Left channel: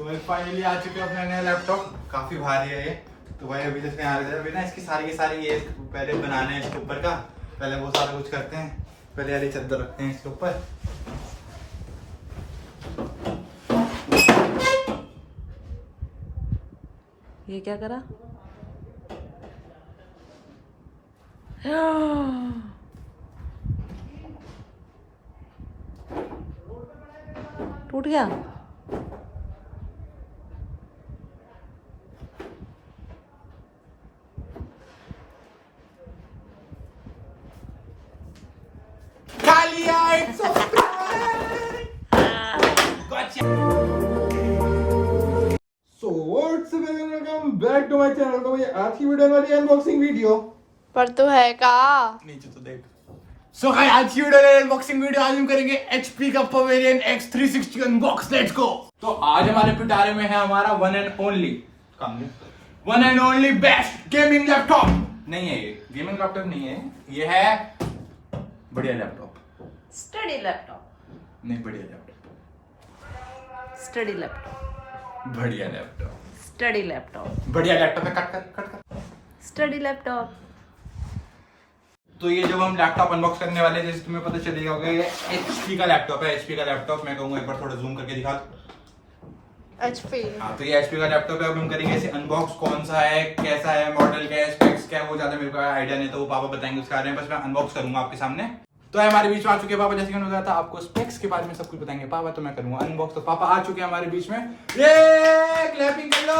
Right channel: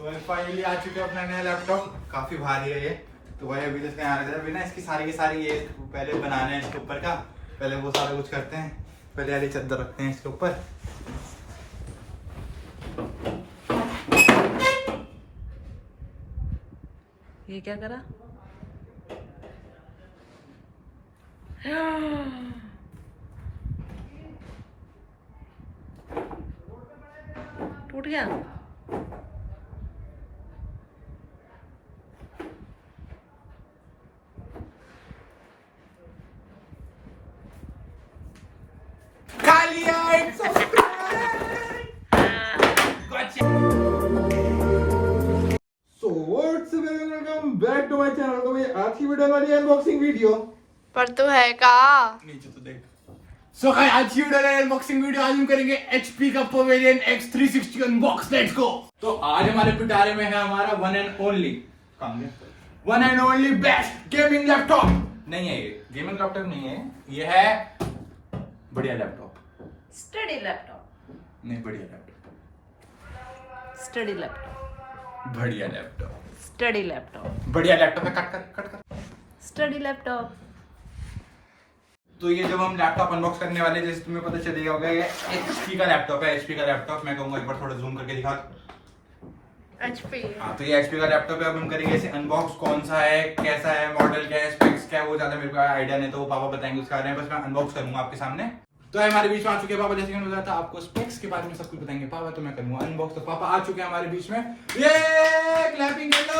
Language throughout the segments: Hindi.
तो फाइनली आ चुके हैं अपना नया लैपटॉप। काफी भारी है ये, तो वही अभी जैसे आ रहा है ना, इसकी सारी की सारी ये पहले बनाने हैं इसके ऊपर का, पहले वो सारा कुछ करते हैं। पहले वाली चादर रखते हैं इसके ऊपर। ये क्या करा? टूट गया। खा लिया, it's a welcome back to my channel. तो ये आज की वीडियो वाली अनबॉक्सिंग वीडियो पर तो है का नीचे तो देख। सो गाइस आज की वीडियो है अनबॉक्सिंग वीडियो। आज हम करेंगे HP का pavilion X360 unbox. Let's go. तो आज हमारे पिटारे में है हमारा one and only best gaming laptop. नहीं है ये गेमिंग लैपटॉप, नहीं है ये, है बढ़िया लैपटॉप। स्टडी लैपटॉप नहीं, बढ़िया लैपटॉप, स्टडी लैपटॉप बढ़िया लैपटॉप, स्टडी लैपटॉप बढ़िया लैपटॉप है। Cut study laptop. तो ये जब हम लैपटॉप अनबॉक्स करने वाले, जैसे तुम्हें पता चलेगा होगा, ये HP का लैपटॉप है। HP का लैपटॉप मैं कहूंगा एक बार थोड़ा जूम करके दिखा। HP। हाँ, तो ये HP का लैपटॉप है। अब हम करेंगे इसे अनबॉक्स। कौन सा है, कैसा है, मॉडल क्या है, स्पेक्स क्या है, वो ज्यादा मेरे को आइडिया नहीं, तो वो पापा बताएंगे उसके बारे में। बस मैं अनबॉक्स करूंगा आपके सामने। तो हमारे बीच में आ चुके हैं पापा। जैसे कि मैंने बताया था आपको स्पेक्स के बारे में सब कुछ बताएंगे पापा, तो मैं करूंगा अनबॉक्स। तो पापा आ चुके हैं हमारे बीच में, ये क्लैपिंग कर लो।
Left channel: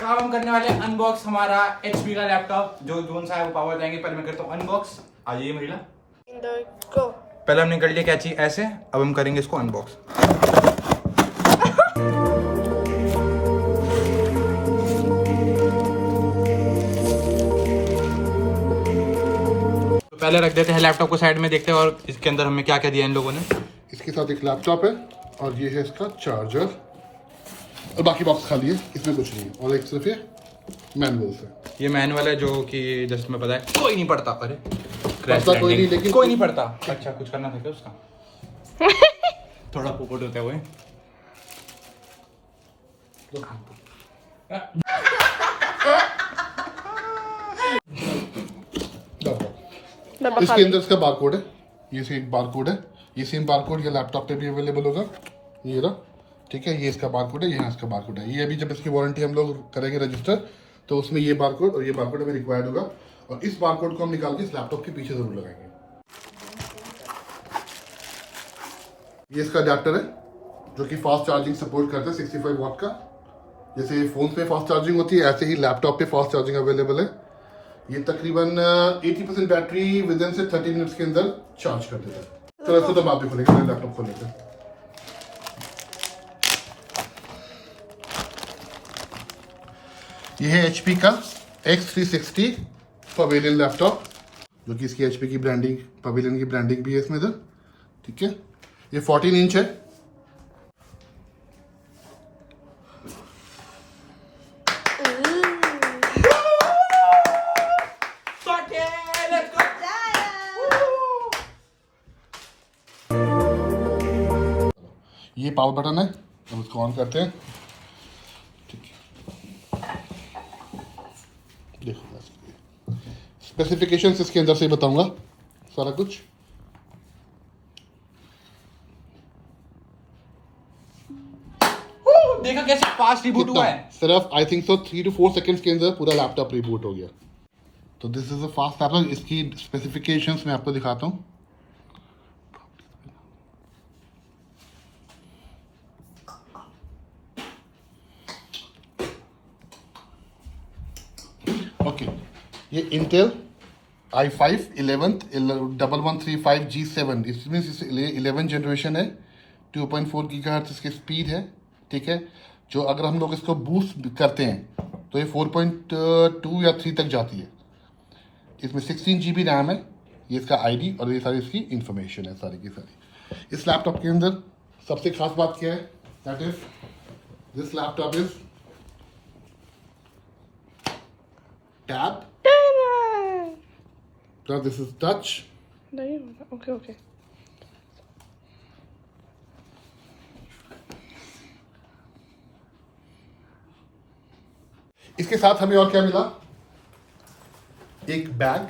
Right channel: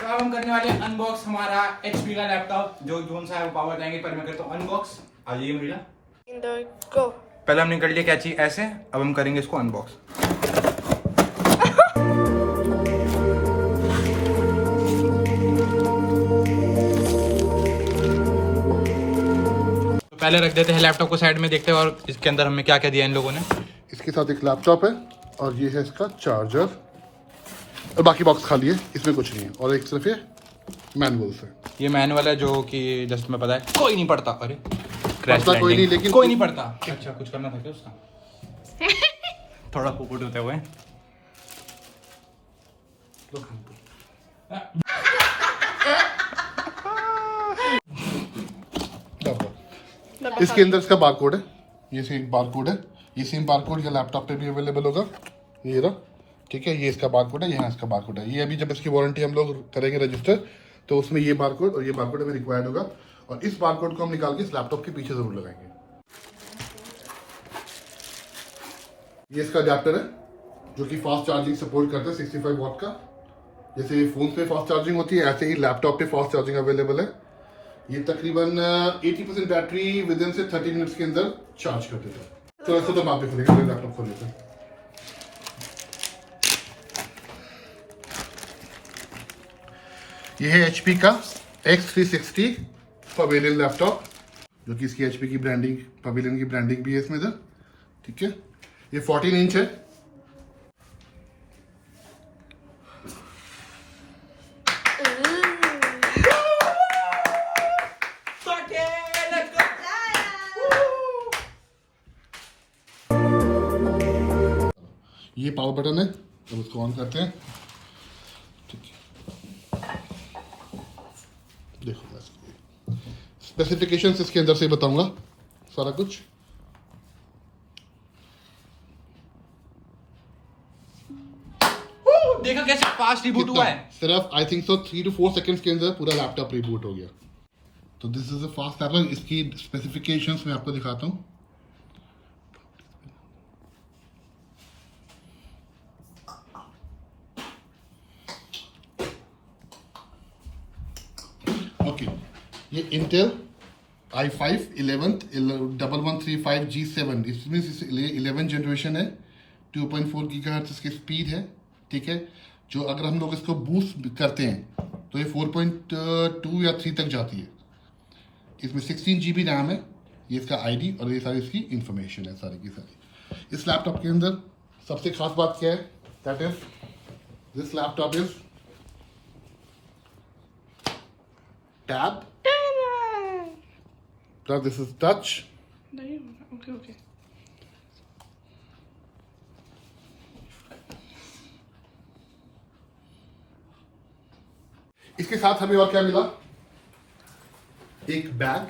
तो अब हम करने वाले हैं अनबॉक्स हमारा HP का लैपटॉप। जो सा है वो पापा बताएंगे, पर मैं करता हूँ अनबॉक्स। आ जाइए महिला। पहले हमने कर लिया क्या चीज ऐसे, अब हम करेंगे इसको अनबॉक्स। तो पहले रख देते हैं लैपटॉप को साइड में, देखते हैं और इसके अंदर हमें क्या क्या दिया इन लोगों ने। इसके साथ एक लैपटॉप है और ये है इसका चार्जर और बाकी बॉक्स खाली है, इसमें कुछ नहीं है। और एक सिर्फ ये मैनुअल्स है। ये मैनुअल है जो कि जस्ट में पता है कोई नहीं पढ़ता। अरे पढ़ता कोई नहीं, लेकिन कोई नहीं पढ़ता। अच्छा कुछ करना था क्या उसका? थोड़ा पोपट होते हुए इसके अंदर इसका बारकोड है। ये सेम बारकोड है। ये सेम बारकोड ये लैपटॉप पे भी अवेलेबल होगा। ये रहा, ठीक है। ये इसका बारकोड है, यहाँ इसका बारकोड है। ये अभी जब इसकी वारंटी हम लोग करेंगे रजिस्टर, तो उसमें ये बारकोड और ये बारकोड हमें रिक्वायर्ड होगा। और इस बारकोड को हम निकाल के इस लैपटॉप के पीछे जरूर लगाएंगे। ये इसका अडेप्टर है जो कि फास्ट चार्जिंग सपोर्ट करता है, 65 वॉट का। जैसे फोन पे फास्ट चार्जिंग होती है, ऐसे ही लैपटॉप पे फास्ट चार्जिंग अवेलेबल है। ये तकरीबन 80% बैटरी विद इन से 30 मिनट्स के अंदर चार्ज कर देता है। तो ऐसे तो आप भी खोलेंगे, लैपटॉप खोल लेते हैं। ये है HP का X360 पवेलियन लैपटॉप, जो कि इसकी HP की ब्रांडिंग, पवेलियन की ब्रांडिंग भी है इसमें इधर, ठीक है। ये 14 इंच है। ये पावर बटन है, जब उसको ऑन करते हैं, ठीक है। देखो स्पेसिफिकेशंस इसके अंदर से बताऊंगा सारा कुछ। देखा कैसे फास्ट रिबूट हुआ है। सिर्फ I think so 3 to 4 seconds के अंदर पूरा लैपटॉप रिबूट हो गया। तो this is a fast laptop. इसकी स्पेसिफिकेशंस मैं आपको दिखाता हूँ। ओके, ये इंटेल i5 11th 1135 G7, इसमें 11 जनरेशन है। 2.4 गीगाहर्ट्ज इसकी स्पीड है, ठीक है। जो अगर हम लोग इसको बूस्ट करते हैं तो ये 4.2 या 3 तक जाती है। इसमें 16 GB रैम है। ये इसका ID और ये सारी इसकी इंफॉर्मेशन है सारी की सारी। इस लैपटॉप के अंदर सबसे खास बात क्या है, that is this laptop is tab. Now this is touch. Okay. इसके साथ हमें और क्या मिला, एक बैग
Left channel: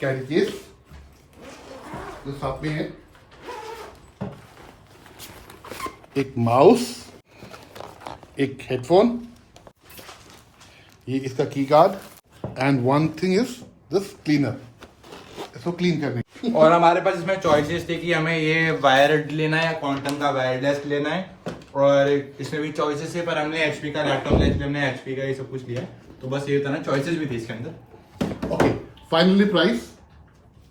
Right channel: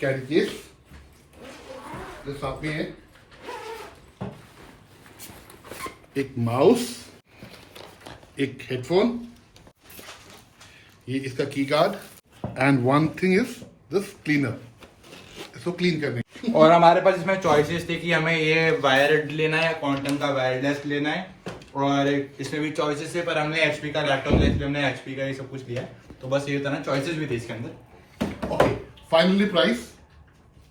कैरी केस जो साथ में है, एक माउस, एक हेडफोन, ये इसका की card and one thing is this cleaner, इसको क्लीन करने। और हमारे पास इसमें चॉइसेस थे कि हमें ये वायर्ड लेना है या क्वांटम का वायरलेस लेना है, और इसमें भी चॉइसेस थे, पर हमने एचपी का लैपटॉप लिया, इसलिए हमने एचपी का ये सब कुछ लिया। तो बस ये था ना, चॉइसेस भी थे इसके अंदर। ओके, फाइनली प्राइस,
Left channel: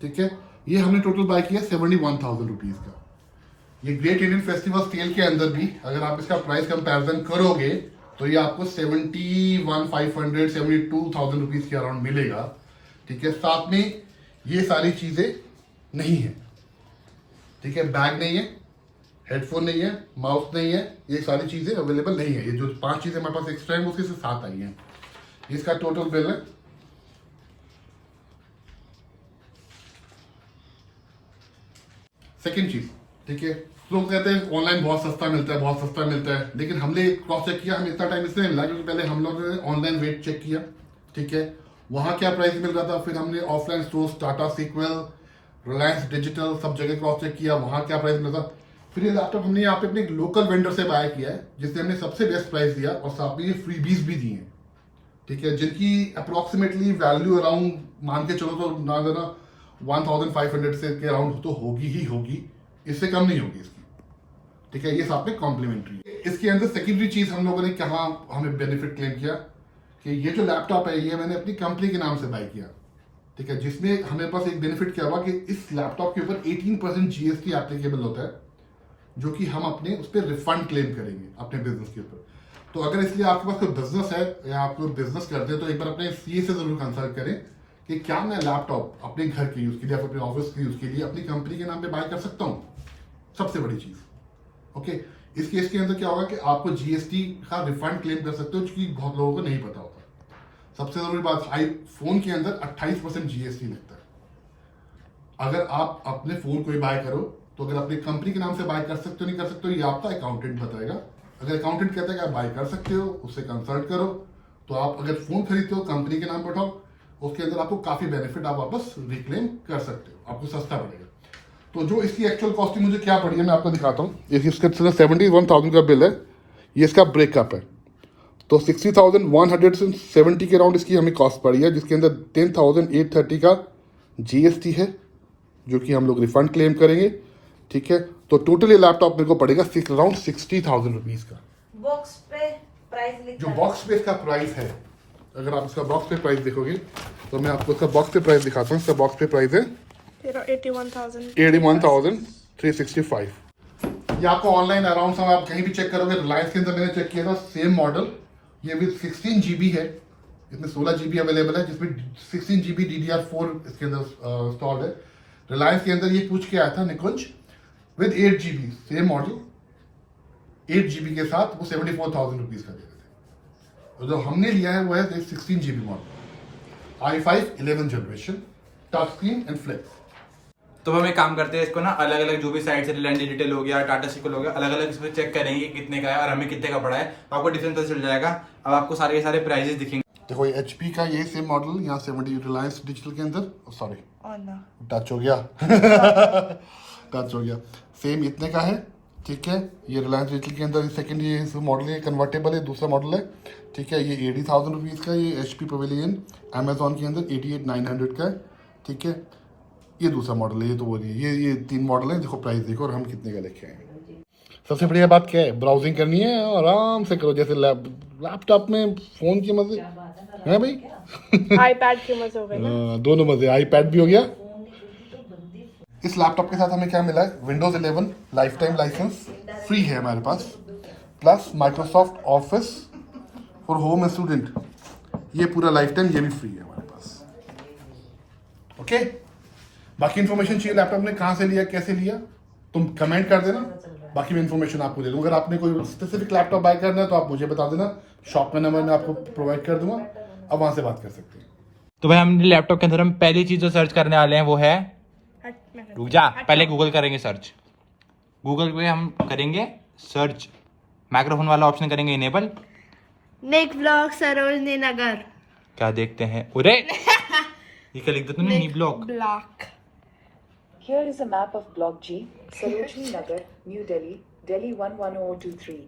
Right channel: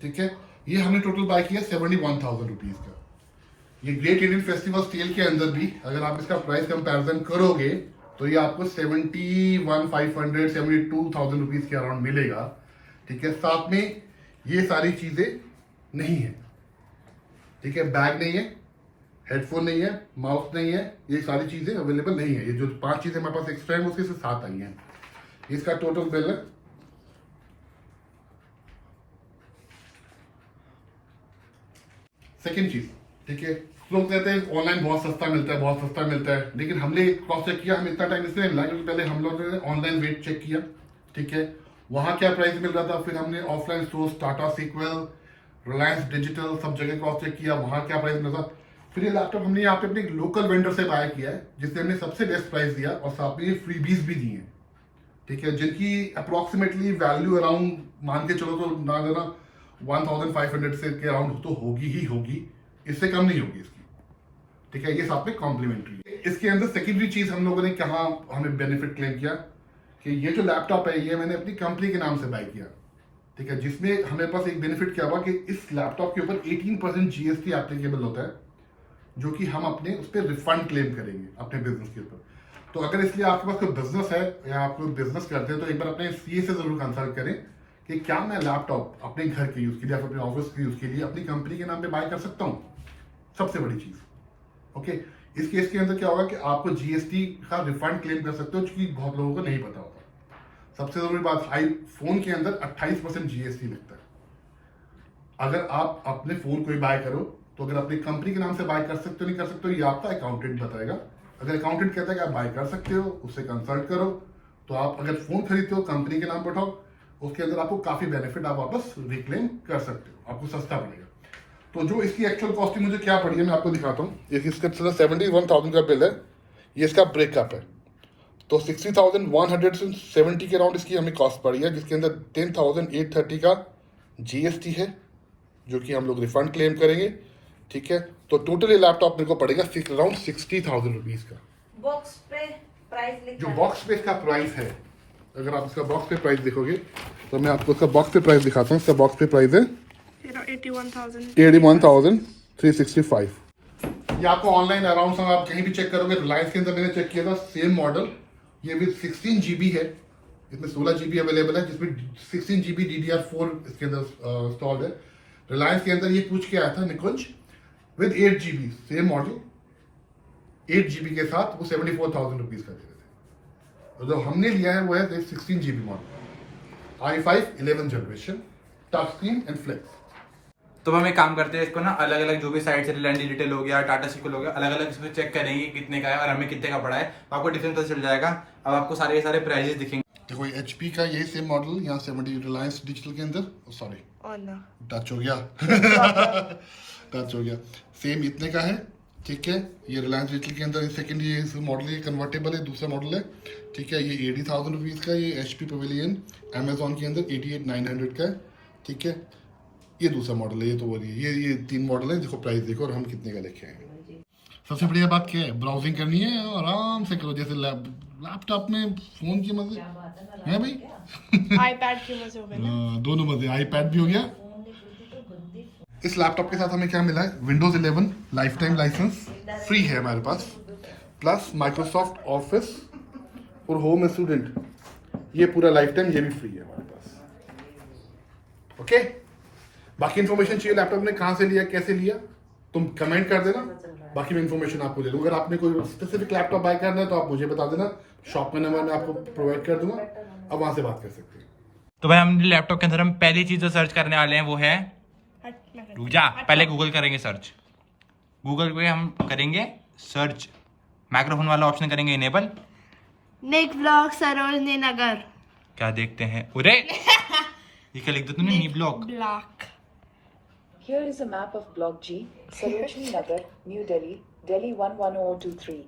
ठीक है, ये हमने टोटल बाय किया 71,000 रुपीज का। ये ग्रेट इंडियन फेस्टिवल सेल के अंदर भी अगर आप इसका प्राइस कंपैरिजन करोगे तो ये आपको 71,500 72,000 रुपीज के अराउंड मिलेगा, ठीक है। साथ में ये सारी चीजें नहीं है, ठीक है, बैग नहीं है, हेडफोन नहीं है, माउस नहीं है, ये सारी चीजें अवेलेबल नहीं है। ये जो 5 चीजें हमारे पास एक्स्ट्रा है उसके साथ आई हैं। इसका टोटल बिल है सेकेंड चीज, ठीक है, लोग कहते हैं ऑनलाइन बहुत सस्ता मिलता है, बहुत सस्ता मिलता है, लेकिन हमने क्रॉस चेक किया, हमें इतना टाइम इसलिए मिला क्योंकि पहले हम लोगों ने ऑनलाइन रेट चेक किया, ठीक है, वहां क्या प्राइस मिल रहा था, फिर हमने offline stores Tata sequel, Reliance digital सब जगह क्रॉस चेक किया, वहां क्या प्राइस मिल रहा था। फिर ये लैपटॉप हमने यहाँ पे अपने लोकल वेंडर से बाय किया है जिसने हमें सबसे बेस्ट प्राइस दिया और साथ में ये फ्रीबीज भी दिए, ठीक है, जिनकी अप्रोक्सीमेटली वैल्यू अराउंड मान के चलो तो ना देना 1,500 से के अराउंड तो होगी ही होगी, इससे कम नहीं होगी इसकी, ठीक है। ये साथ में कॉम्प्लीमेंट्री है। इसके अंदर सेकेंडरी चीज हम लोगों ने कहा हमें बेनिफिट क्लेम किया कि ये जो लैपटॉप है ये मैंने अपनी कंपनी के नाम से बाय किया, ठीक है, जिसमें हमेरे पास एक बेनिफिट क्या हुआ कि इस लैपटॉप के ऊपर 18% जीएसटी एप्लीकेबल होता है, जो कि हम अपने उस पर रिफंड क्लेम करेंगे अपने बिजनेस के ऊपर। तो अगर इसलिए आपके पास कोई बिजनेस है या आप कोई बिजनेस करते हैं तो एक बार अपने सीए से जरूर कंसल्ट करें कि क्या मैं लैपटॉप अपने घर के यूज के लिए, अपने ऑफिस के यूज के लिए अपनी कंपनी के नाम पे बाय कर सकता हूँ। सबसे बड़ी चीज, ओके। इस केस के अंदर क्या होगा कि आपको जीएसटी का रिफंड क्लेम कर सकते हो, जो बहुत लोगों को नहीं पता होता। सबसे जरूरी बात, आईफोन के अंदर 28% जीएसटी लगता है। अगर आप अपने फोन कोई बाय करो तो अगर अपनी कंपनी के नाम से बाय कर सकते हो नहीं कर सकते हो ये आपका अकाउंटेंट बताएगा। अगर अकाउंटेंट कहता है कि आप बाय कर सकते हो, उससे कंसल्ट करो, तो आप अगर फोन खरीदते हो कंपनी के नाम पर उठाओ, उसके अंदर आपको काफी बेनिफिट आप वापस रिक्लेम कर सकते हो, आपको सस्ता पड़ेगा। तो जो इसकी एक्चुअल कॉस्टिंग मुझे क्या पड़ी है मैं आपको दिखाता हूँ। इसके 71,000 का बिल है, ये इसका ब्रेकअप है। तो 60,170 के अराउंड इसकी हमें कॉस्ट पड़ी है, जिसके अंदर 10,830 का जीएसटी है जो कि हम लोग रिफंड क्लेम करेंगे, ठीक है। तो टोटल ये लैपटॉप मेरे को पड़ेगा अराउंड 60,000 रुपीज का। बॉक्स पे प्राइस जो बॉक्स पे इसका प्राइस है, अगर आप इसका बॉक्स पे प्राइस देखोगे तो मैं आपको इसका बॉक्स पे प्राइस दिखाता हूँ। इसका बॉक्स पे प्राइस है 81,365। ये आपको ऑनलाइन अराउंड आप कहीं भी चेक करोगे, रिलायंस के अंदर मैंने चेक किया था सेम मॉडल, ये विद 16 GB है, इसमें 16 GB अवेलेबल है, जिसमें 16 GB DDR4 इसके अंदर इंस्टॉल्ड है। रिलायंस के अंदर ये पूछ के आया था Nikunj with 8 GB, same model 8 GB के साथ वो 74,000 रुपीज का दे रहे थे। और जो हमने लिया है वो है 16 GB model, i5 11 generation, touch screen and flip. तो हम एक काम करते हैं, इसको ना अलग अलग जो भी साइट से रिलायंस डिजिटल हो गया, टाटा सीक्वल हो गया, अलग अलग इसमें चेक करेंगे कितने का है और हमें कितने का पड़ा है, तो आपको डिफरेंस पता चल जाएगा। अब आपको सारे सारे प्राइजेस दिखेंगे। देखो एचपी का यही सेम मॉडल यहाँ 70 रिलायंस डिजिटल के अंदर, सॉरी टच हो गया टच हो गया, सेम इतने का है, ठीक है। ये रिलायंस डिजिटल के अंदर सेकंड ये मॉडल है, कन्वर्टेबल है, दूसरा मॉडल है, ठीक है। ये 80,000 रुपीज़ का, ये एचपी पवेलियन अमेजोन के अंदर 88,900 का है, ठीक है। ये दूसरा मॉडल है, ये तो वो नहीं है, ये 3 मॉडल है। देखो प्राइस देखो और हम कितने का लेके आएंगे। सबसे बढ़िया बात क्या है, ब्राउजिंग करनी है आराम से करो, जैसे लैपटॉप में फोन की मजे है भाई आईपैड की मजे हो गए ना। दोनों मजे, आईपैड भी हो गया। इस लैपटॉप के साथ हमें क्या मिला है, Windows 11 lifetime licence free है हमारे पास, plus Microsoft Office for home student, ये पूरा लाइफ टाइम ये भी फ्री है हमारे पास, ओके। बाकी इन्फॉर्मेशन चाहिए लैपटॉप ने कहाँ से लिया कैसे लिया, तुम कमेंट कर देना, बाकी मैं इन्फॉर्मेशन आपको दे दूंगा। अगर आपने कोई स्पेसिफिक लैपटॉप बाय करना है तो आप मुझे बता देना, शॉप का नंबर मैं आपको प्रोवाइड कर दूंगा, अब वहां से बात कर सकते हैं। तो भाई हम लैपटॉप के अंदर हम पहली चीज जो सर्च करने वाले हैं वो है, रुक जा, पहले गूगल करेंगे सर्च। गूगल पे हम करेंगे सर्च, माइक्रोफोन वाला ऑप्शन करेंगे इनेबल, निक ब्लॉग सरोजनी नगर क्या देखते हैं? उरे ये क्या लिख दो तुमने? नी block. Block. Here is a map of Block G, Sarojini Nagar, New Delhi, Delhi 11023.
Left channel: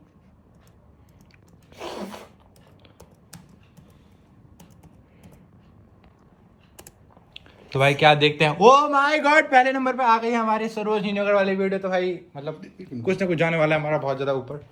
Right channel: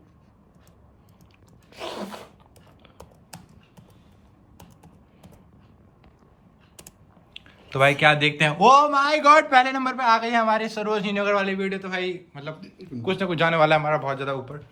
तो भाई क्या देखते हैं? ओ माय गॉड, पहले नंबर पे आ गई है हमारी सरोजनी नगर वाली वीडियो। तो भाई मतलब कुछ ना कुछ जाने वाला है हमारा बहुत ज्यादा ऊपर।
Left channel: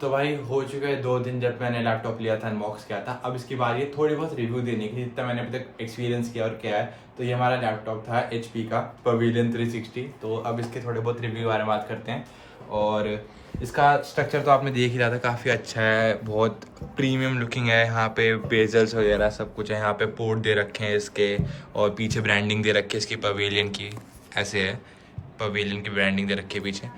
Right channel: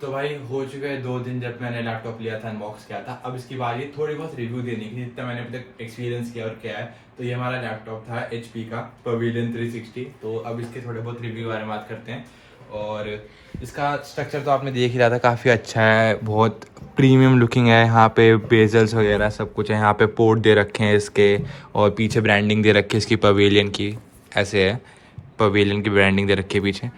तो भाई हो चुके हैं 2 दिन जब मैंने लैपटॉप लिया था, अनबॉक्स किया था। अब इसकी बारी है थोड़ी बहुत रिव्यू देने की, जितना मैंने अभी तक एक्सपीरियंस किया और क्या है। तो ये हमारा लैपटॉप था HP का पवेलियन 360। तो अब इसके थोड़े बहुत रिव्यू बारे में बात करते हैं। और इसका स्ट्रक्चर तो आपने देख ही रहा था, काफ़ी अच्छा है, बहुत प्रीमियम लुकिंग है। यहाँ पे बेजल्स वगैरह सब कुछ है, यहाँ पे पोर्ट दे रखे हैं इसके, और पीछे ब्रांडिंग दे रखी है इसकी पवेलियन की। ऐसे है, पवेलियन की ब्रांडिंग दे रखी है पीछे।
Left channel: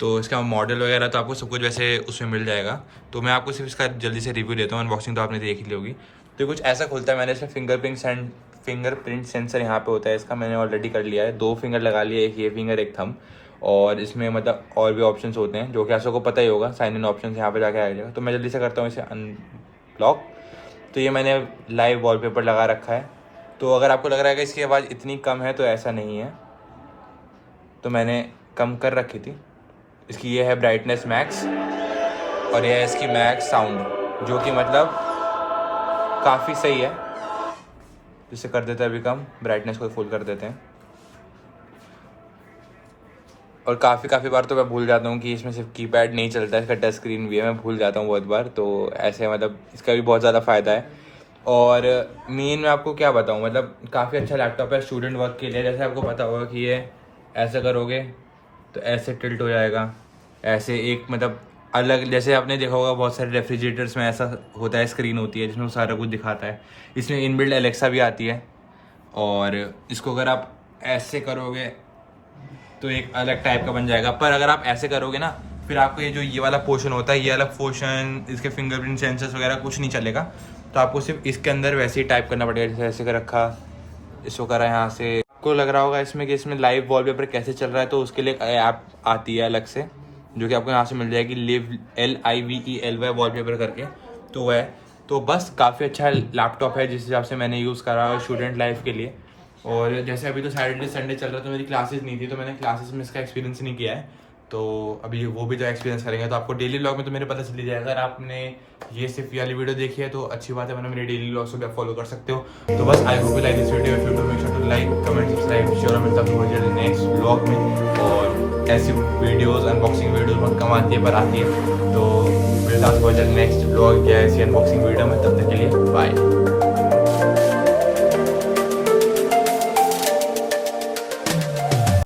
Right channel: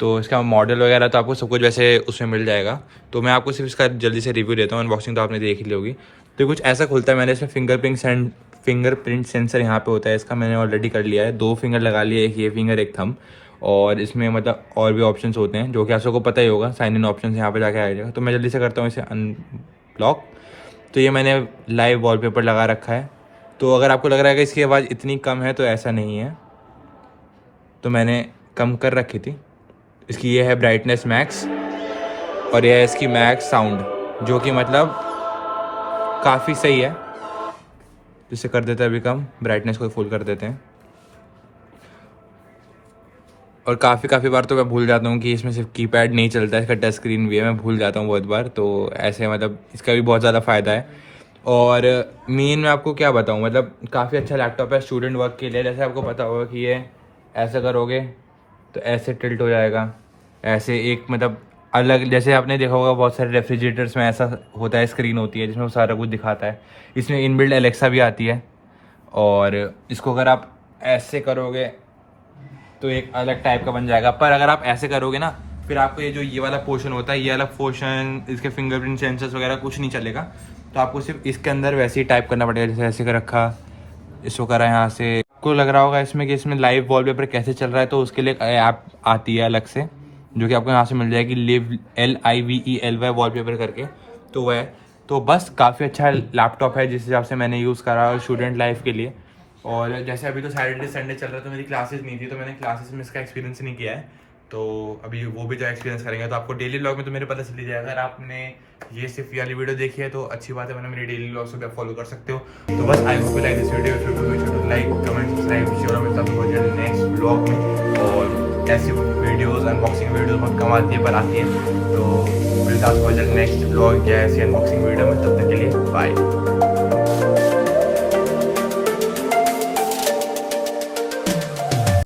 तो इसका मॉडल वगैरह तो आपको सब कुछ वैसे उसमें मिल जाएगा। तो मैं आपको सिर्फ इसका जल्दी से रिव्यू देता हूँ। अनबॉक्सिंग तो आपने देख ही ली होगी। तो कुछ ऐसा खुलता है। मैंने इसमें फिंगरप्रिंट सेंसर यहाँ पे होता है इसका, मैंने ऑलरेडी कर लिया है। 2 फिंगर लगा लिए, एक ये फिंगर एक थंब। और इसमें मतलब और भी ऑप्शंस होते हैं जो कि आप सबको पता ही होगा। साइन इन ऑप्शन यहाँ पे जाके आ जाएगा। तो मैं जल्दी से करता हूँ इसे अनब्लॉक। तो ये मैंने लाइव वॉलपेपर लगा रखा है। तो अगर आपको लग रहा है कि इसकी आवाज़ इतनी कम है, तो ऐसा नहीं है। तो मैंने कम कर रखी थी इसकी। ये है ब्राइटनेस मैक्स, और यह है इसकी मैक्स साउंड, जो कि मतलब काफ़ी सही है। इसे कर देते हैं अभी कम, ब्राइटनेस को फुल कर देते हैं। और काफ़ी बार तो मैं भूल जाता हूँ कि इसमें सिर्फ कीपैड नहीं चलता है, इसका टच स्क्रीन भी है। मैं भूल जाता हूँ बहुत बार। तो ऐसे मतलब इसका भी बहुत ज़्यादा फ़ायदा है। और मेन मैं आपको क्या बताऊँ, मतलब काफ़ी अच्छा लैपटॉप है स्टूडेंट वर्क के लिए। जैसे आपको पता होगा कि ये ऐसा करोगे तो ऐसे टिल्ट हो जाएगा, ऐसे एक मतलब अलग। जैसे आपने देखा होगा बहुत सारे रेफ्रिजरेटर्स में ऐसा होता है, स्क्रीन होती है जिसमें वो सारा कुछ दिखाता है। इसमें इनबिल्ट एलेक्सा भी आती है। और इसको अगर आप ऐसे करोगे तो एक अलग टाइप का बन जाएगा। पर अगर आप ऐसे करोगे ना, फिर आपको ये वाला पोर्शन होता है, ये अलग पोर्शन, इसके फिंगरप्रिंट सेंसर्स वगैरह कुछ नहीं चलेगा। तो आपको सिर्फ इसके अंदर वैसे ही टाइप करना पड़ेगा। जैसे ऐसे कर रखा, इसको करा यहाँ से। आपको लग रहा होगा इसमें कि इसमें लाइव वॉलपेपर कैसे चल रहा है, तो उसके लिए ऐप आती है अलग से, जो कि आपको यहाँ से मिल जाएगी, LIVELY वॉलपेपर करके। तो वह तो बस काफ़ी अच्छा लैपटॉप है जिस हिसाब से मैंने यूज़ करा है स्टूडेंट लाइफ के लिए। और जैसे अभी तो सैटरडे संडे चल रहा है, तो मेरी क्लासेस नहीं थी, तो मैंने क्लासेस में इसका एक्सपीरियंस नहीं किया है। तो अभी वो भी जो एक्सपीरियंस करेंगे, तो आपको डेली व्लॉग में तो मेरे पता चल ही जाएगा। अगर आपने ये सिर्फ वाली वीडियो देखी है तो अच्छी बात है, वरना मेरे डेली व्लॉग्स को भी आप फॉलो कर सकते हो। तो बस I hope you like this video. To like, comment, subscribe, share. मिलता हूँ बहुत जल्द नेक्स्ट व्लॉग में। और ऐसी वीडियोज़, अनबॉक्सिंग वीडियोज़ बहुत कम आती है, पर आती है। तो मिलता हूँ बहुत जल्द नेक्स्ट व्लॉग या ऐसी अनबॉक्सिंग वीडियो में। तब तक के लिए बाय।